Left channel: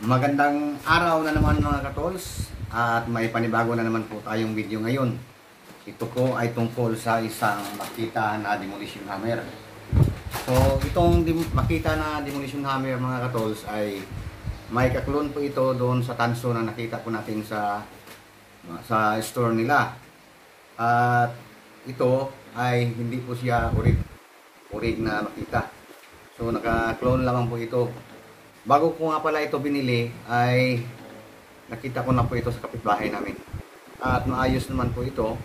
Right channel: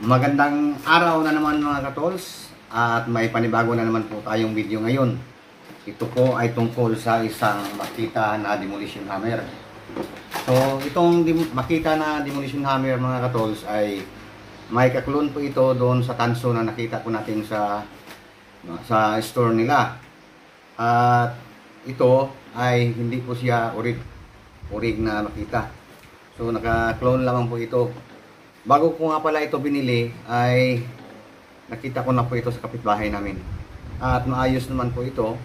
Magandang araw na naman mga katols, at may panibago na naman po tayong video ngayon. Ito po ay tungkol sa isang Makita na demolition hammer. So itong Makita na demolition hammer mga katols ay may kaklon po ito doon sa tanso na nakita po natin sa store nila. At ito ay hindi po siya orig na Makita. So naka-clone lamang po ito. Bago ko nga pala ito binili ay nakita ko na po ito sa kapitbahay namin. At maayos naman po ito.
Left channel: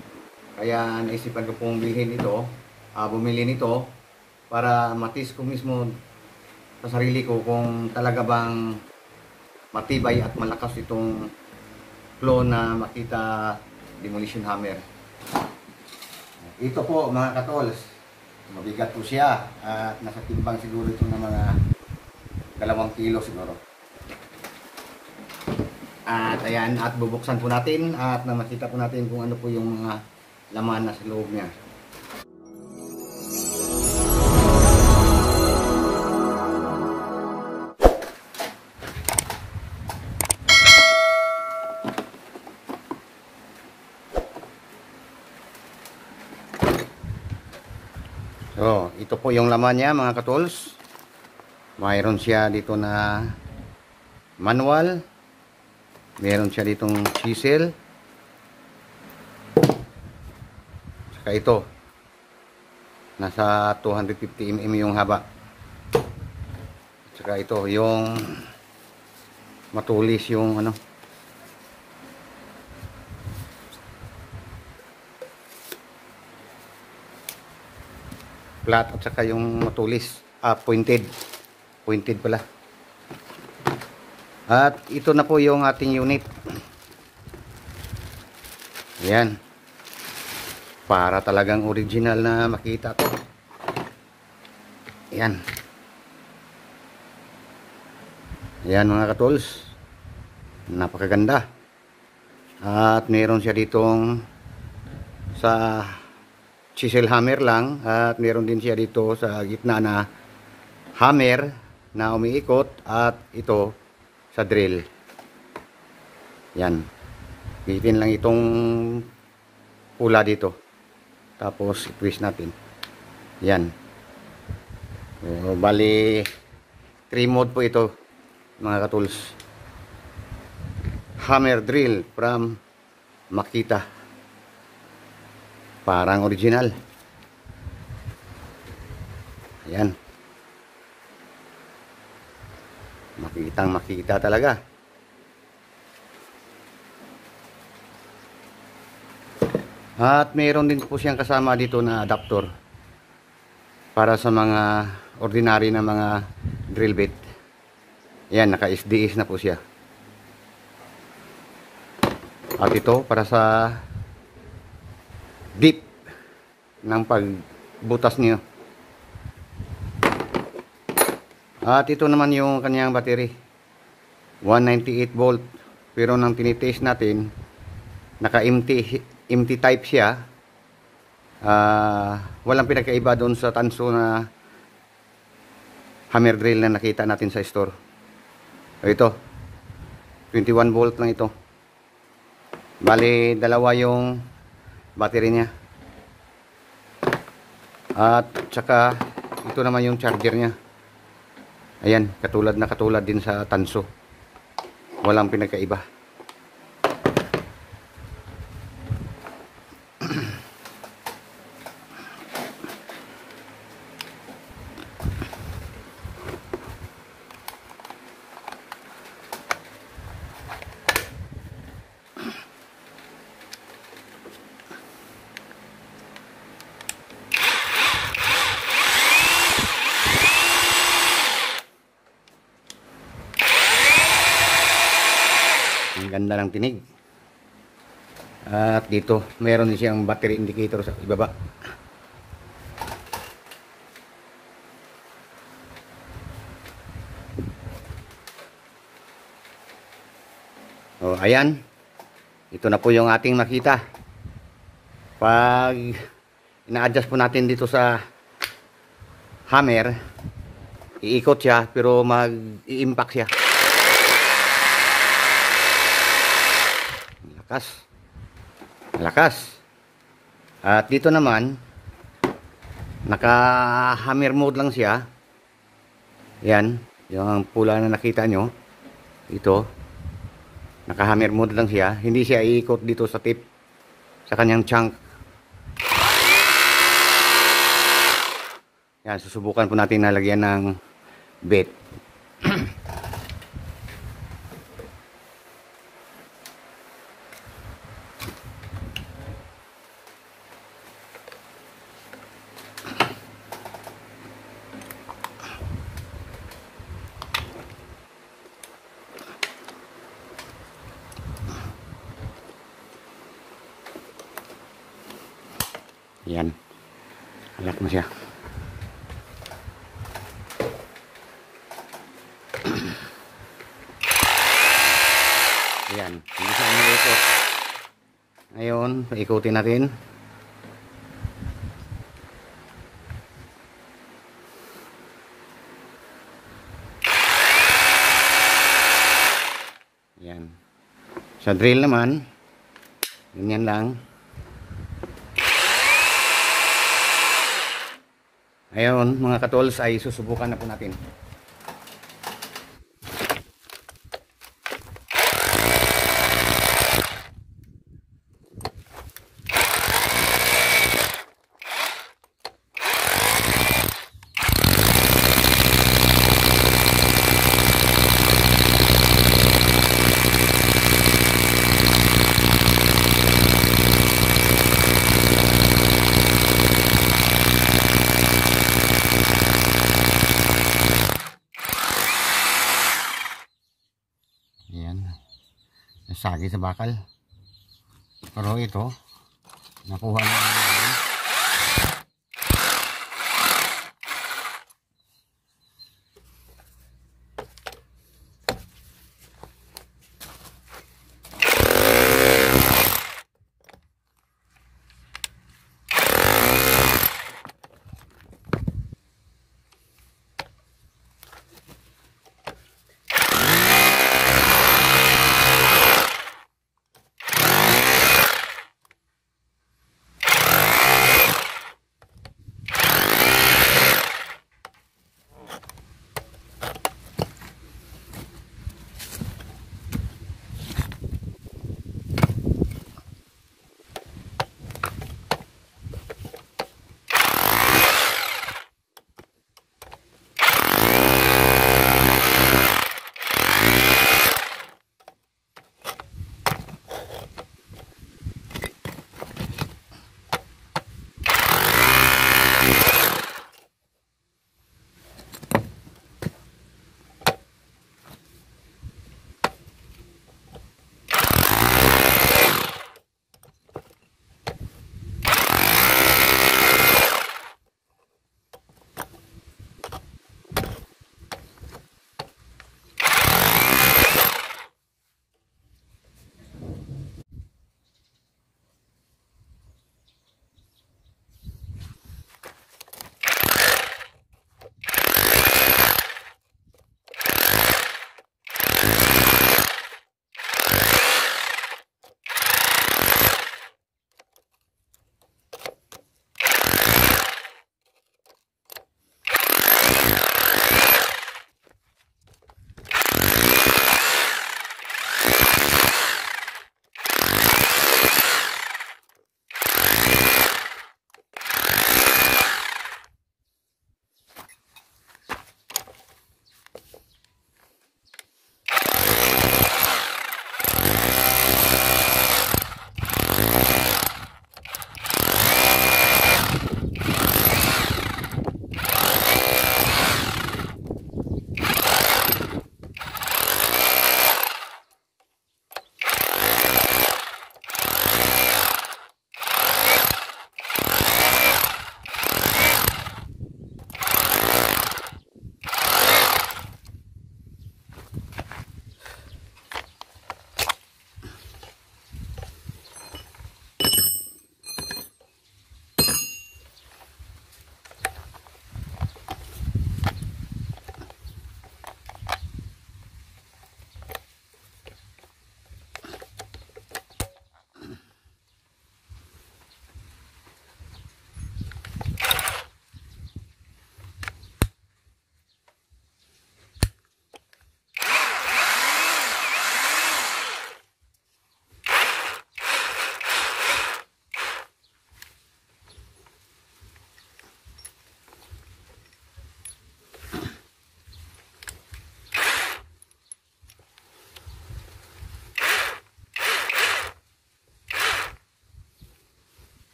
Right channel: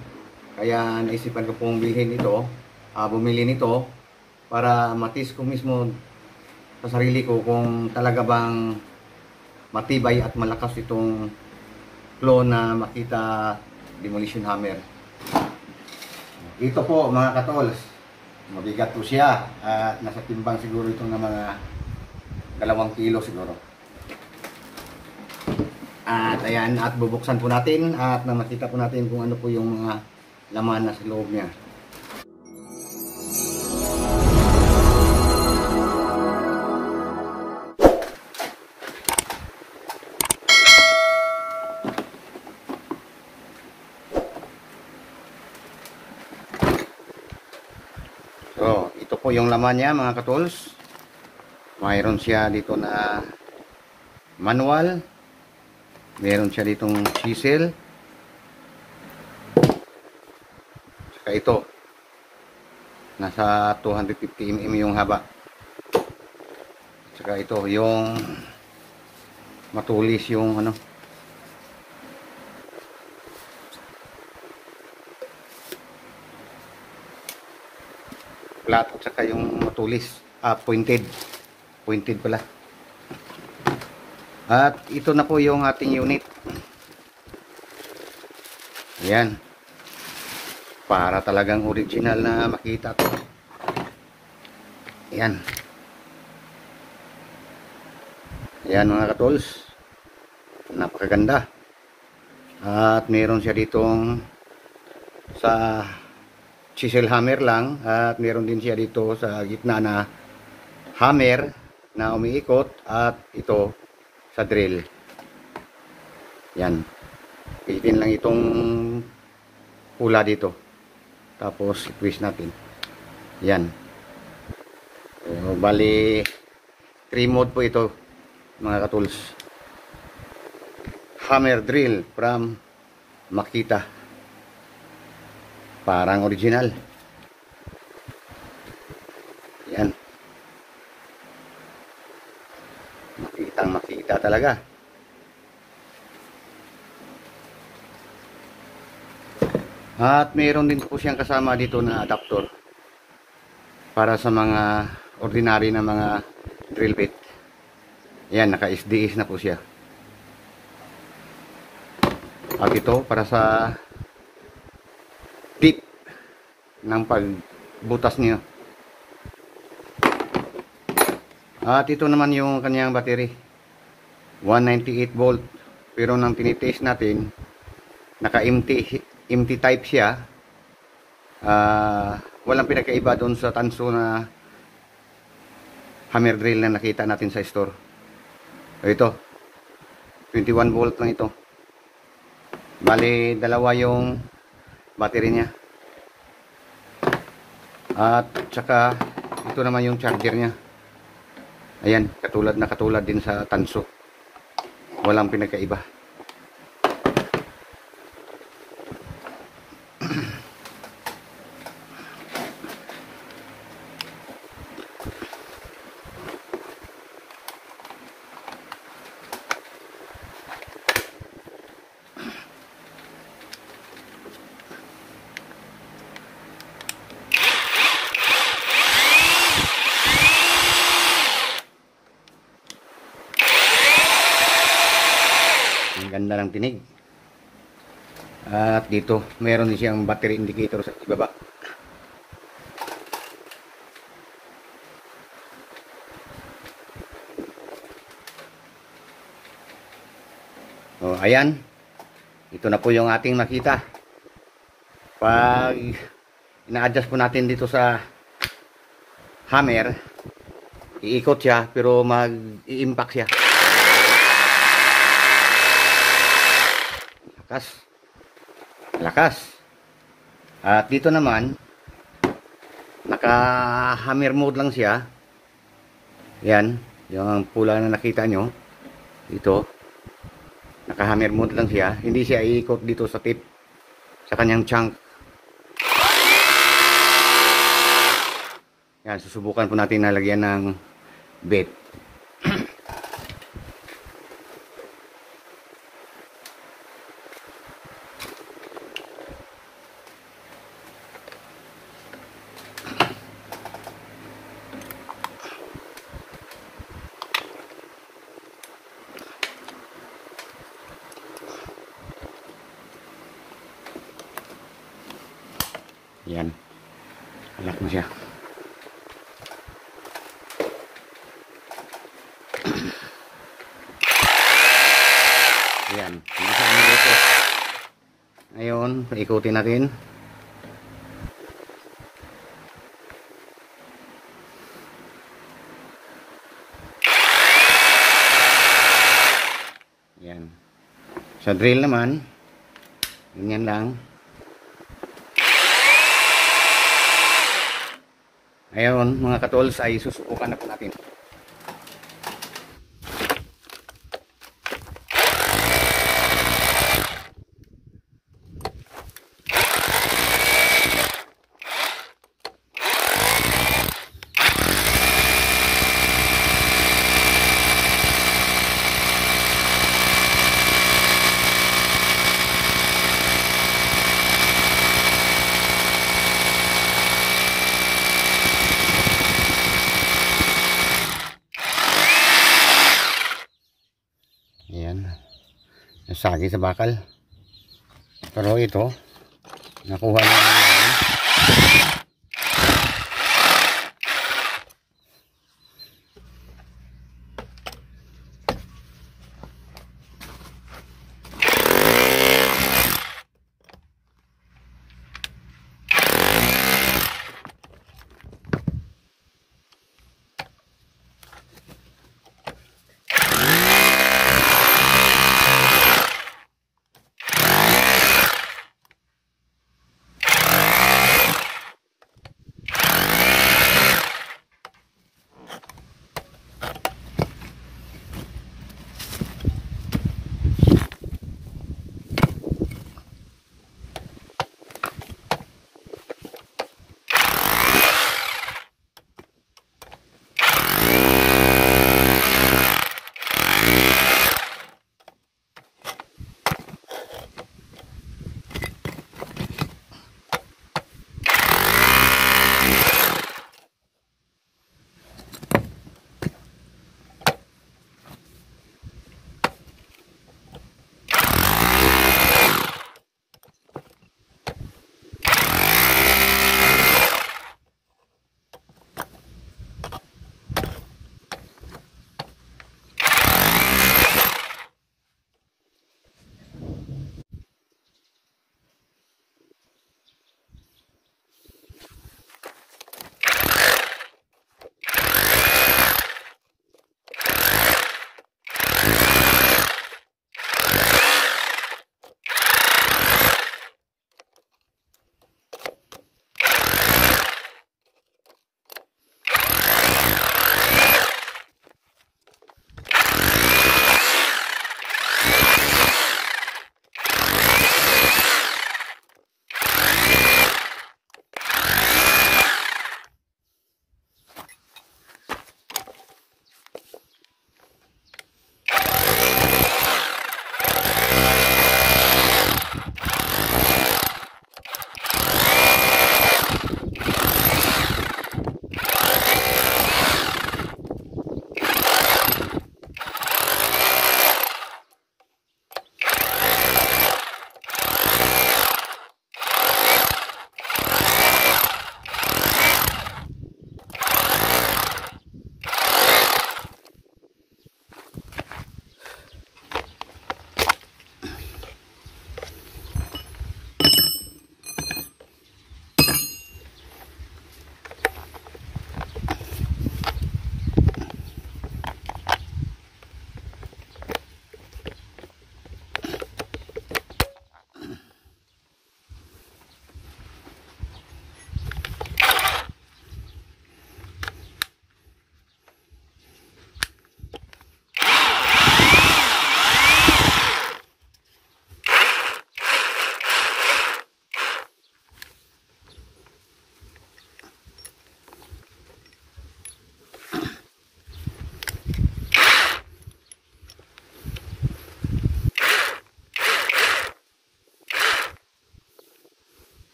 Kaya naisipan ko pong bilhin ito, bumili nito para matis ko mismo sa sarili ko kung talaga bang matibay at malakas itong clone na Makita demolition hammer. Ito po mga katols, mabigat po siya at nasa timbang siguro ito na mga 2 kilo siguro. At ayan, at bubuksan po natin at makita po natin kung ano po yung mga laman na sa loob niya. So, ito po yung laman niya mga katols. Mayroon siya dito na manual. Meron siya ditong chisel. Saka ito. Nasa 250 mm yung haba. Saka ito yung matulis yung ano. Flat at saka yung matulis. Pointed. Pointed pala. At ito na po yung ating unit. Yan. Para talagang original na Makita to. Yan. Yan mga katols. Napakaganda. At meron siya ditong sa chisel hammer lang. At meron din siya dito sa gitna na hammer na umiikot, at ito sa drill. Yan. Pitin lang itong pula dito. Tapos twist natin. Yan. So, bali 3 mode po ito mga katools. Hammer drill from Makita. Parang original. Yan. Makita talaga. At mayroon din po siyang kasama dito na adapter para sa mga ordinary na mga drill bit. Yan, naka SDS na po siya. At ito para sa deep ng pagbutas niyo. At ito naman yung kanyang battery, 198 volt. Pero nang tinitest natin, naka empty type siya. Walang pinakaiba doon sa tanso na hammer drill na nakita natin sa store. So ito, 21 volt lang ito. Bali, dalawa yung battery niya. At saka ito naman yung charger niya. Ayan, katulad din sa tanso. Walang pinagkaiba. Ang ganda ng tinig. At dito meron din siyang battery indicator sa ibaba. Oh, ayan. Ito na po yung ating Makita. Pag ina-adjust po natin dito sa hammer, iikot siya pero mag-i-impact siya. Malakas. Malakas. At dito naman, naka-hammer mode lang siya. Yan. Yung pula na nakita nyo. Ito. Naka-hammer mode lang siya. Hindi siya iikot dito sa tip. Sa kanyang chunk. Yan. Susubukan po natin nalagyan ng bait. Yan. Anak mo siya. Yan. Hindi siya umiikot. Ngayon, paikutin natin. Yan. Sa drill naman, ganyan lang. Ngayon, mga katols, ay susubukan na po natin. Ayan. Nasagi sa bakal. Pero ito, nakuha na namin.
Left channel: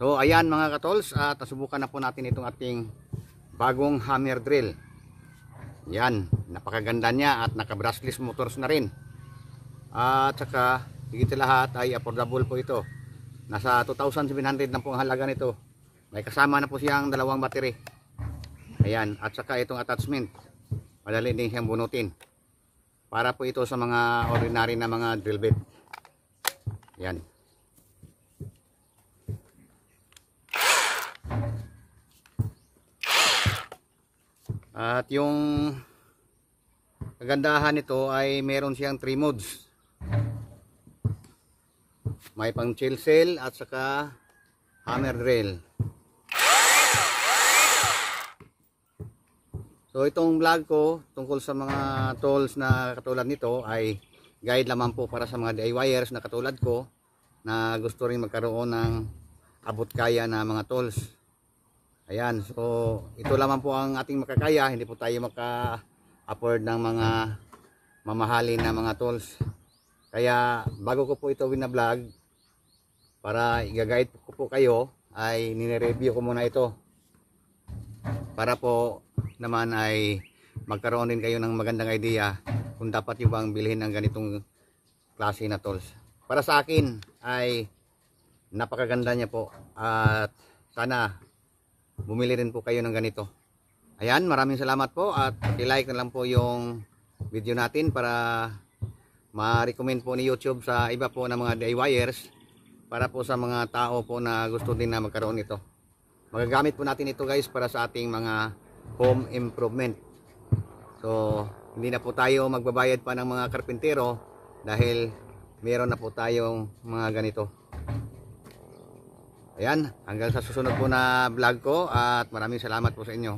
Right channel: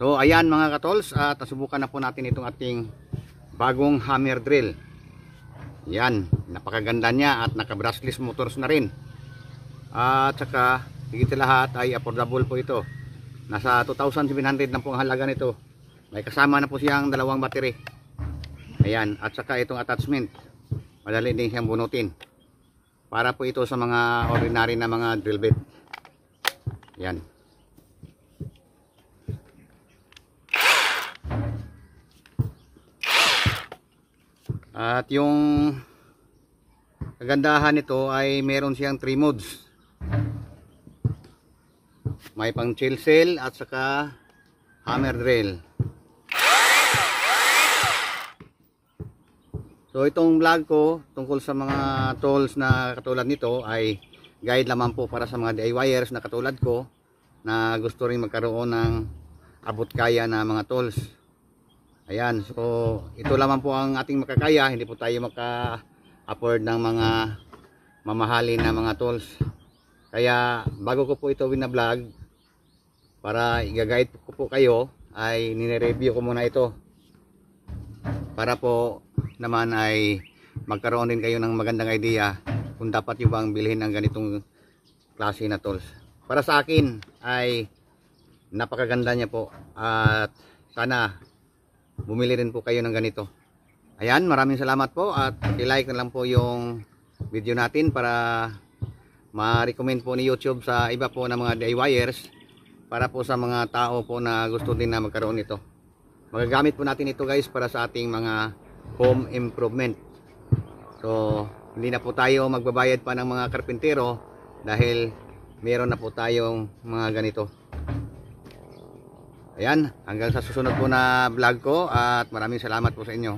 So ayan mga katols, at nasubukan na po natin itong ating bagong hammer drill. Yan, napakaganda niya at naka brushless motors na rin. At saka higit sa lahat ay affordable po ito. Nasa 2,700 na po ang halaga nito. May kasama na po siyang dalawang battery. Ayan, at saka itong attachment, madali din siyang bunutin. Para po ito sa mga ordinary na mga drill bit. Yan. At yung kagandahan nito ay meron siyang 3 modes. May pang chisel at saka hammer drill. So itong vlog ko tungkol sa mga tools na katulad nito ay guide lamang po para sa mga DIYers na katulad ko na gusto rin magkaroon ng abot kaya na mga tools. Ayan, so ito lamang po ang ating makakaya, hindi po tayo maka-afford ng mga mamahalin na mga tools. Kaya bago ko po ito wina-vlog, para i-guide ko po kayo, ay nire-review ko muna ito. Para po naman ay magkaroon din kayo ng magandang idea kung dapat yung bang bilhin ng ganitong klase na tools. Para sa akin ay napakaganda niya po at sana bumili rin po kayo ng ganito. Ayan, maraming salamat po at paki-like na lang po yung video natin para ma-recommend po ni YouTube sa iba po na mga DIYers, para po sa mga tao po na gusto din na magkaroon nito. Magagamit po natin ito guys para sa ating mga home improvement. So hindi na po tayo magbabayad pa ng mga karpintero dahil meron na po tayong mga ganito. Ayan, hanggang sa susunod po na vlog ko at maraming salamat po sa inyo.